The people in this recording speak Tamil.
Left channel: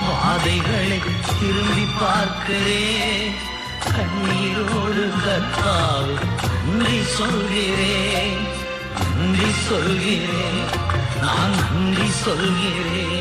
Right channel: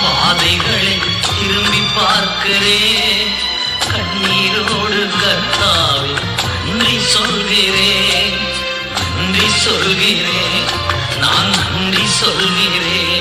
பாதைகளை திரும்பி பார்க்கிறேன். கண்ணீரோடு கர்த்தாவே நன்றி சொல்கிறேன், நன்றி சொல்கிறேன், நான் நன்றி சொல்கிறேன்.